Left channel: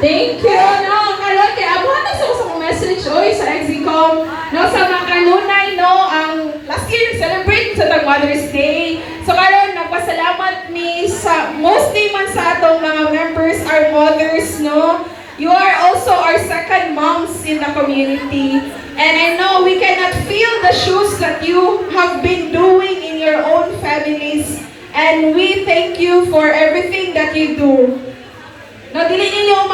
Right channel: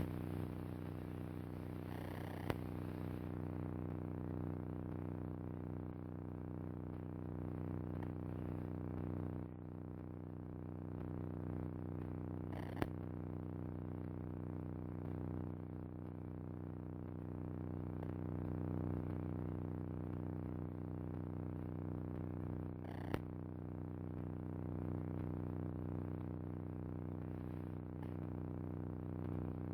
Thank you, no, karon kay abuhan na sa message oy sa Exicom, no, sa mga kanunay, no, ang last year celebrate sa tag Mother's Day. So karon nagpasalamat mi sa mostly man sa atong mga members, our mothers, no. You are also our second moms in the community. And I know we cannot fill the shoes that you have been doing in your own families. And we thank you for everything that you do. No, dili ninyo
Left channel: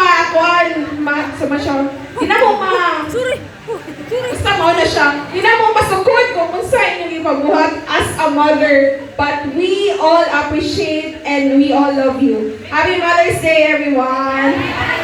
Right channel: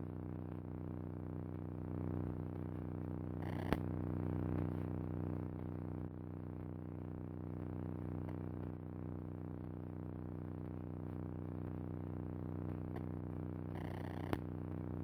sama siya. Di na mo basta mo na siya. Di na mo masukod kung unsa inyong ipabuhat as a mother. But we all appreciate and we all love you. Happy Mother's Day, everyone!